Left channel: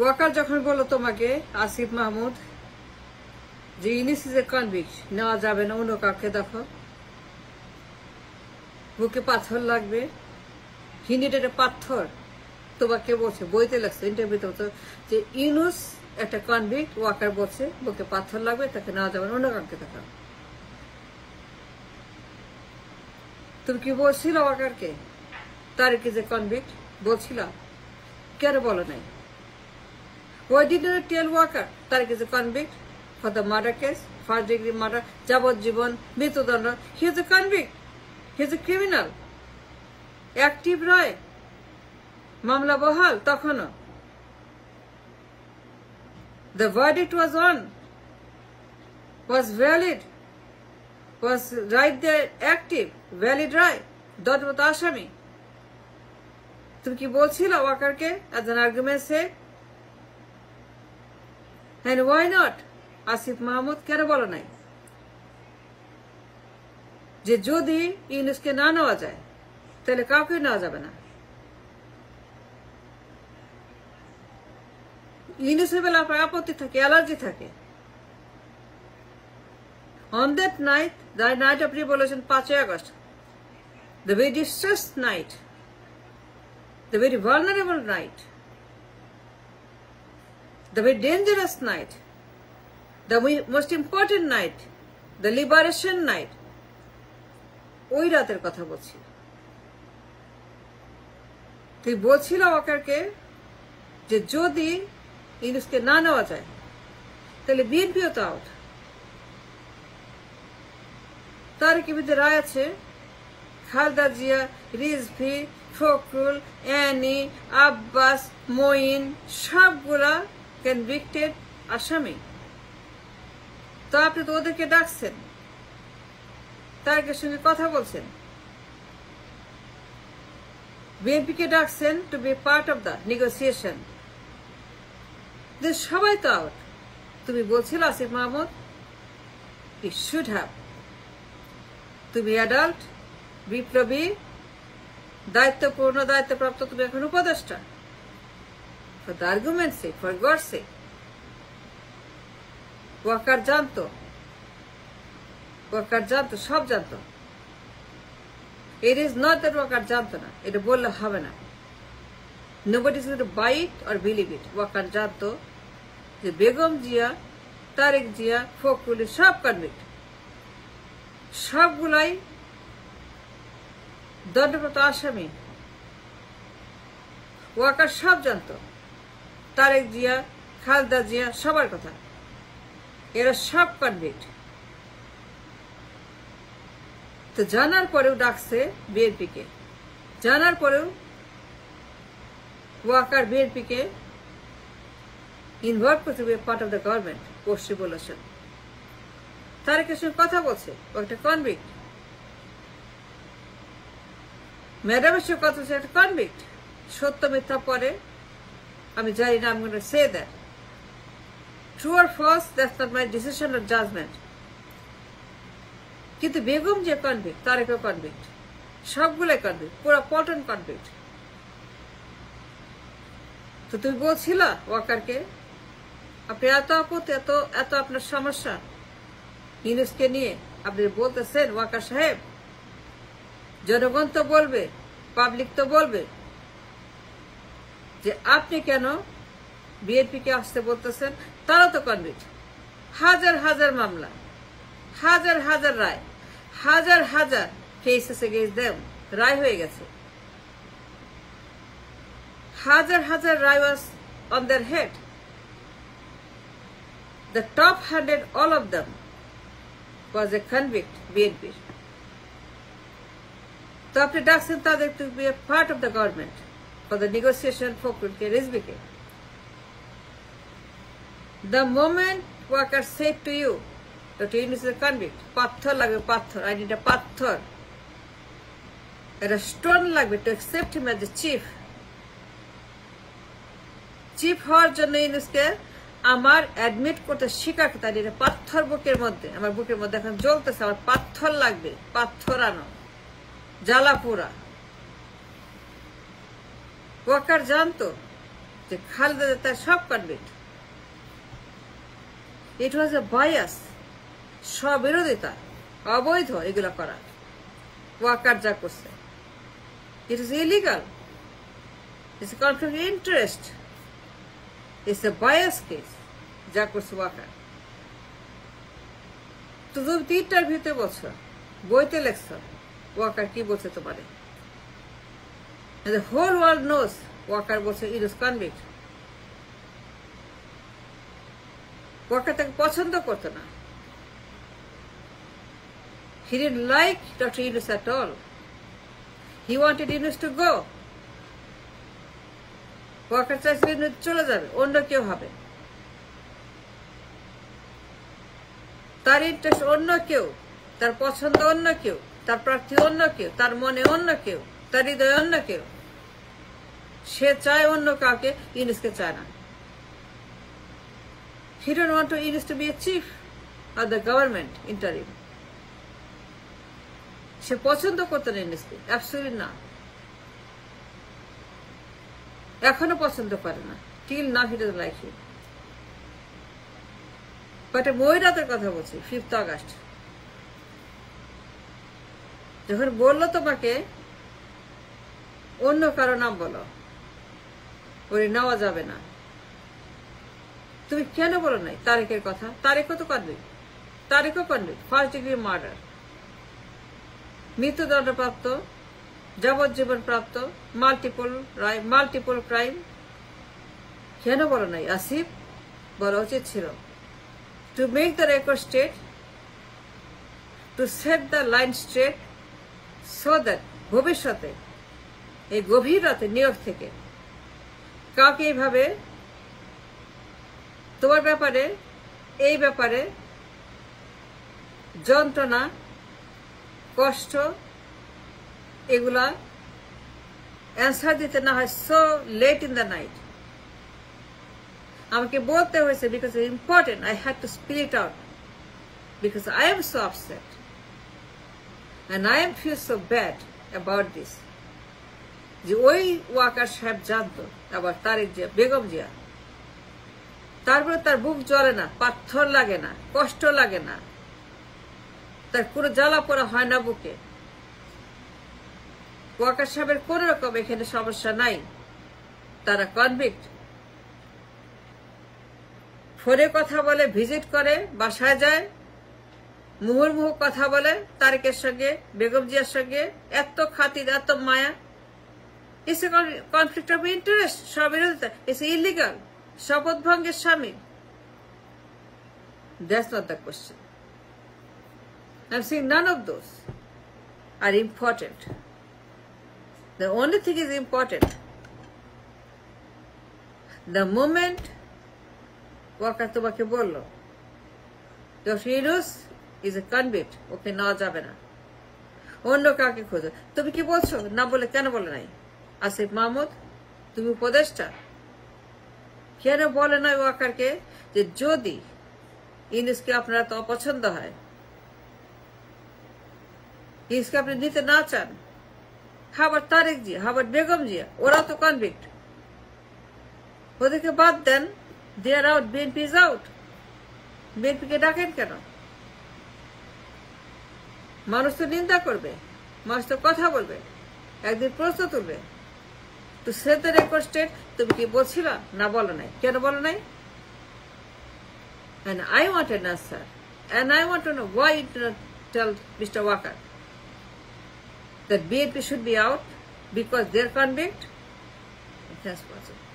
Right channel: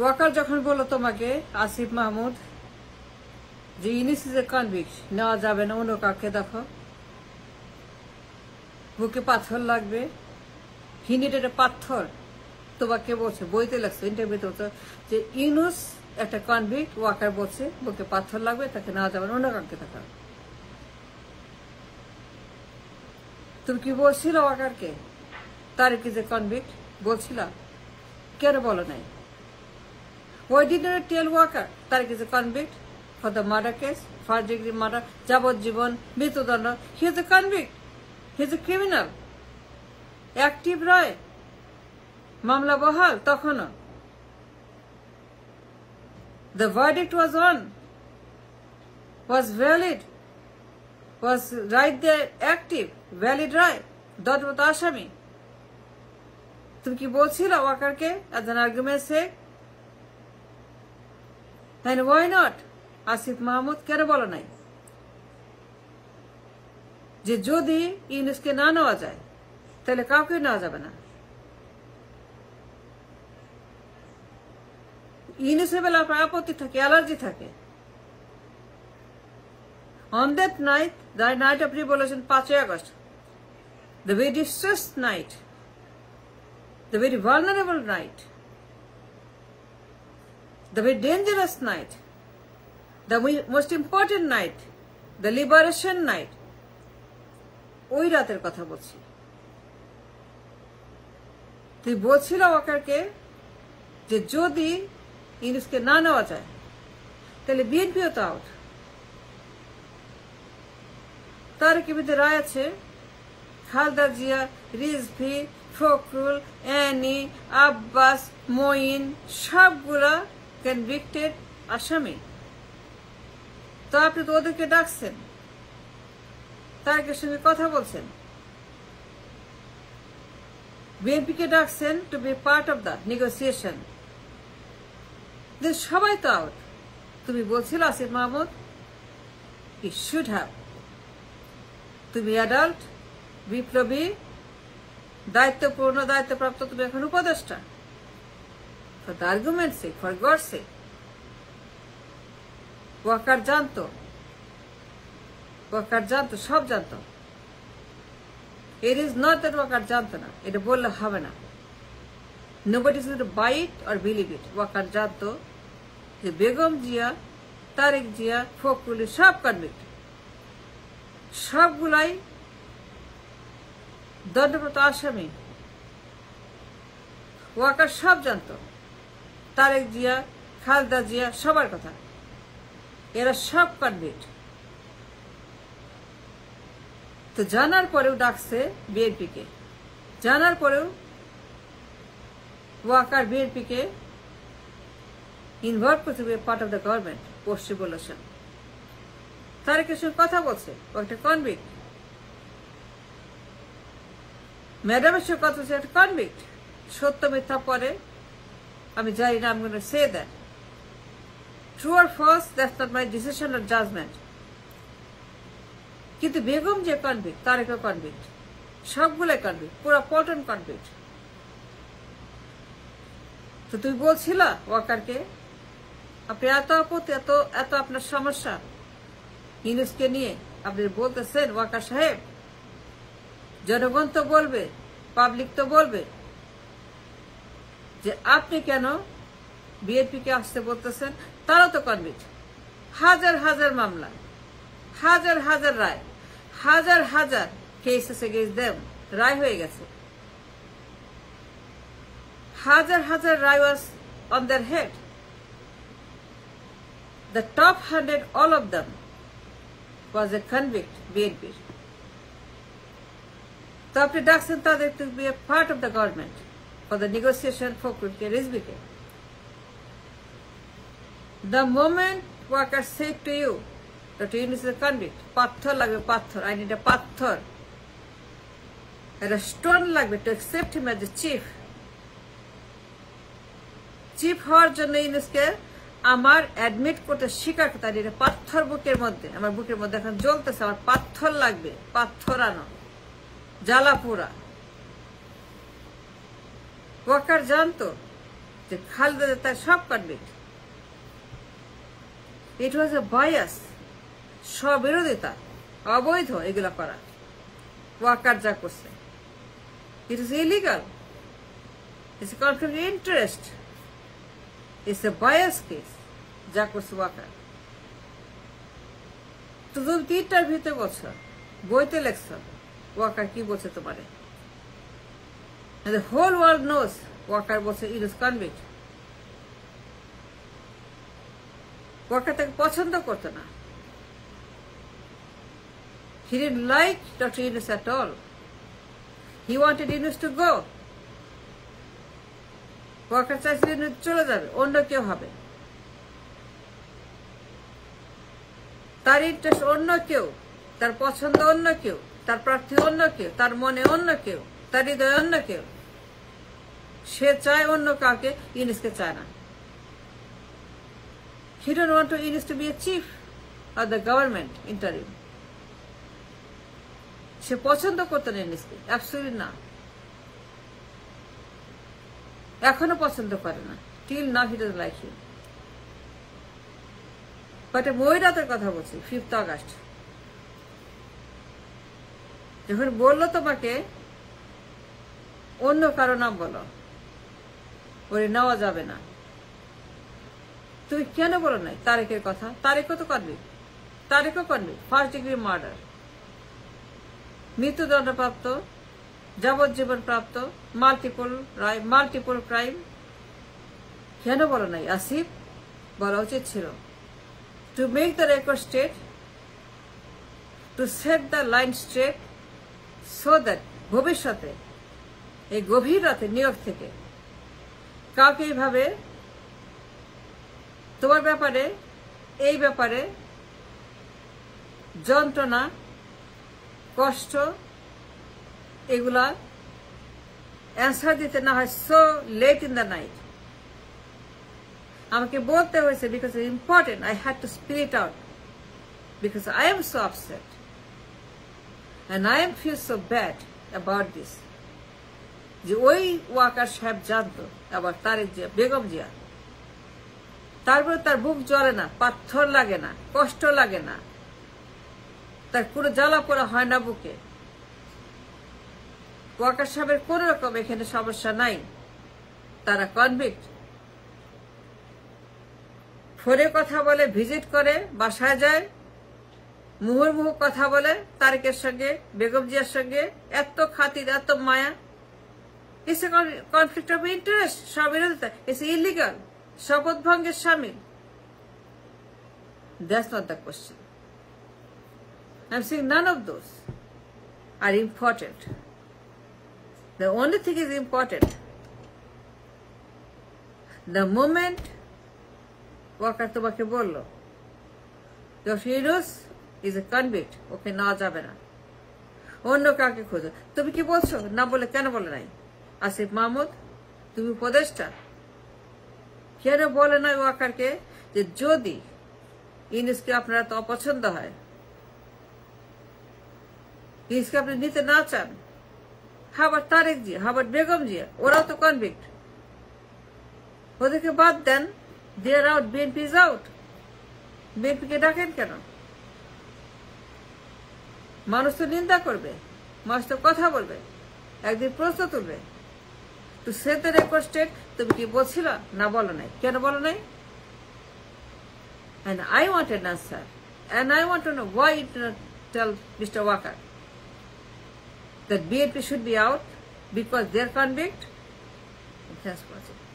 ওয়াকার যখন বললো তোমাকে আসিফ মাহমুদ যে ইউনুস ইজ এ কনভিক্ট, নেওয়া যাবে না, অন্য কাউকে দেখো, বুকে পাথর লাগবে, হি নিডেড এ পাথর, তোমাকে বলছে, বইতে লাগছে, ইন্টারভিউতে যে ইউনুস একটা কনভিক্ট, ওয়াকার বলছে বুকে পাথর লাগবে, তাকে নেওয়া যাবে না, অন্য কাউকে দেখো। তুমি কি বলছিল ওয়াকারকে তারেক ইজ এ কনভিক্ট? বলছিল, কেন বলো নাই? Why did you not tell Walker Tariq is a convict for the murder case, first degree murder, যাবজ্জীবন, মৃত্যুদণ্ড? He is a convict. He is a criminal. Active রায়, মামলা বহাল তখনও। The verdict was on, was valid, was right there, active, valid রায়, দণ্ডপ্রাপ্ত আসামি। তুমি কি বলছিল ওয়াকারকে as an argument say? And why not? Asif মাহমুদ কেন বলো নাই যে যদি ইউনুসকে না নেওয়া যায় তাহলে কাউকে নেওয়া যাবে না? ইউনুসের বেলা আপনার আপত্তি থাকে, অ্যালার্জি থাকে। On that night, the night of revolution, 5 August, the very distressed night, the very vulnerable night, the very dangerous night, the most important night, the liberation night, ওই রাতের কথা বলছি। তুই বলছিল ওয়াকারকে যে যদি ইউনুসকে না নেওয়া যায় তাহলে বিএনপিও তো আউট। তারেকের বিরুদ্ধে রায় আছে, খালেদা জিয়া, রিজভী, ফখরুল, অ্যানি, আব্বাস, মঈন সবগুলা কনভিক্টেড আসামি। তো আপনি তো ওদেরকে ডাকছেন, তারেকের সঙ্গে কথা বলছেন, বিএনপিকে ডাকছেন to be part of the negotiation. সবাই তো আউট। তুমি বলছিল আসিফ মাহমুদ ই শুড হ্যাভ, তুমি অ্যাডাল্ট, বিপ্লবী, দায়িত্বপূর্ণ, দায়িত্বপ্রাপ্ত, তুমি এখন উপদেষ্টা। For the argument's sake, for God's sake, Waker জানতো, সব জানতো। It is not that Waker জানতো না, এটা বললে হবে না। Nobody is going to buy it or believe it. Waker জানতো যে বেগম জিয়া, তারেক জিয়া, ফখরুল সব কনভিক্ট, সবগুলাই দণ্ডপ্রাপ্ত আসামি। ওয়াকার সব জানতো, তারেক জিয়া, খালেদা জিয়া সবার কথা, এরা সব কনভিক্ট। তো জানার পরেও ডাকছে বিএনপিকে, জানার পরেও ওয়াকার বিএনপিকে ইনভলভ করতে হবে part of the government post revolution. তারেকের সঙ্গে কথা বলছে, ও একটা কনভিক্ট। ম্যাডামের সঙ্গে কথা হচ্ছে, একটা কনভিক্ট। সত্য মিথ্যা পরে আমি জানি না, আমি gonna say that true or false, that's not my decision or judgement. কিন্তু বেগম যে কনভিক্ট, তারেকও কনভিক্ট, সবগুলো কনভিক্ট, পুরো পল্টন কনভিক্ট। তো তুমি বলছিল ওয়াকারকে, আপনি এত আপত্তি, এত আপনার সমস্যা ইউনুসকে নিয়ে, আপনি বলতেছেন ওয়াকার সাহেব, জনগণ তো বলবে, পাবলিক তো বলবে যে আপনি কেন বিএনপিকে আসতে বলতেছেন। তারা তো কনভিক্ট, হাজার হাজার মামলা, হাজার হাজার রায়, হাজার হাজার কেসেস এগেইনস্ট দেম, রায় হয়ে গেছে। হাজার হাজার রায় was on their head. The top 100, all of them was a convict বিএনপির। তো আপনি ডাকছেন তাদের to be a part of the government for the negotiation for রিজভিকে। The moment Walker said to you that Yunus is a convict, পাথর লাগবে, পাথর, I need a পাথর, একটা স্টোন লাগবে to accept him as the chief। Chief হওয়ার জন্য ইউনুসকে আমার অ্যাডমিট করতে স্বীকার করতে, এটা পাথর বুকের মধ্যে, আমার বুকের মধ্যে এখন জ্বলতেছে, আমার পাথর লাগবে, পাথর আনো, জ্বালা পোড়া। ওয়াকার জানতো যে খালেদা তার সব কনভিক্ট। ইট ওয়াজ এ বায়াস, স্ববিরোধিতা, অবৈধ এগুলো করা। ওয়াকার যা করছে it is illegal, it's a conflict of interest, it's a bias case যা করছে ওয়াকার। তো তুমি 3টার ভিতরে বলছো, বইতে লেখছো ওয়াকার কি বলছে তোমারে। And the whole world knows Waker বলছে it is convict. ওয়াকার তাকে পছন্দ করতে না। He didn't like Dr. Yunus at all. He wanted Yunus to go. Waker চাইছিল Yunus চলে যাবে, অন্য কেউ হবে। তার ইন্টারেস্ট অন্য কেউ, তার পছন্দ অন্য কেউ, তার প্রার্থী অন্য কেউ, তার মনে অন্য কেউ, তার হৃদয় অন্য কেউ। সে চায় অন্য কাউকে, ইউনুসকে চায় না। He don't want Yunus to be a chief of the government interim. সে পছন্দ করতো না ইউনুসকে, অ্যাবসলিউটলি না। এখনো পছন্দ করে না। Till now he doesn't like him. কটা বইরাতের কথা বলছি, 5th August যখন বললো তোমাকে অন্য কারো নাম বলো, ওরে নেওয়া যাবে না, তুমি কেন বলো নাই তারেকের কথা? তারেকও তো কনভিক্ট, তারেকও কনভিক্ট, 1st degree মার্ডার, মৃত্যুদণ্ডপ্রাপ্ত, যাবজ্জীবন প্রাপ্ত, মাল্টিপল ক্রাইম। কেন বলো নাই আসিফ? বলা উচিত ছিল। To make the record straight, to set the line straight, so that ভবিষ্যতে এই গভীর রাতে নিয়োগ থেকে কাউকে এইভাবে তোমার ব্যাপারে, এই ব্যাপারে যন্ত্রণা, কষ্ট এগুলা অ্যান্সার দিতে না হয় so late in the night। আমাকে বলতে হয়েছে because it's important, I had to spill it out because I am so upset and I feel so bad about this। যে ওই ওয়াকার সাহেব জানতো আবার তারেক জিয়া, বেগম জিয়া, তারপরে তার বুক জ্বলে না, পাথর লাগে না, কষ্ট লাগে না, তার কোনো জ্বালা পোড়া হয় না বুকে। ওয়াকার সাহেবের কোন রকম এখানে সমস্যা নাই, তারা কনভিক্ট। ফোনে কথা বলে, ভিজিট করে, বাসায় যায়, মুহুর্মুহু কথা বলে তারেকের সঙ্গে, বেগম জিয়ার সঙ্গে, এত খাতির, এত মায়া। It's a conflict of interest, স্ববিরোধিতা, ইটস ইলিগাল, শপথ ভঙ্গের শামিল। That's not the question. I am saying none of those are important. The only thing is important, the moment Waker তোমাকে বলল doctor Yunus is a convict, ওকে নেওয়া যাবে না, অন্য কাউকে খোঁজো। তুমি কি বলছো? না বলে কেন বলে নাই আসিফ মাহমুদ? তুমি উপদেষ্টা, কেন বলে নাই ওয়াকারকে যে যদি ইউনুসকে আপনার তো অপছন্দ হয়, ইউনুসকে আপনি নিতে না চান, হাবার তারেক জিয়া, হাবার বেগম জিয়া, ওরা তো কনভিক্ট, ওদেরকে বাদ দেন। They are out, BNP is out. BNP কে ডাকেন কেন? মানুষ তো নিন্দা করবে, মানুষ তো কথা বলবে, একদিন প্রশ্ন তুলবে। To set the record straight, তুমি কি বলছিলা? না বলো নাই, কেন বলো নাই? And I want an answer, and I want to know why you did not tell Mr. Wakar that BNP should be out because they are convict. That's possible.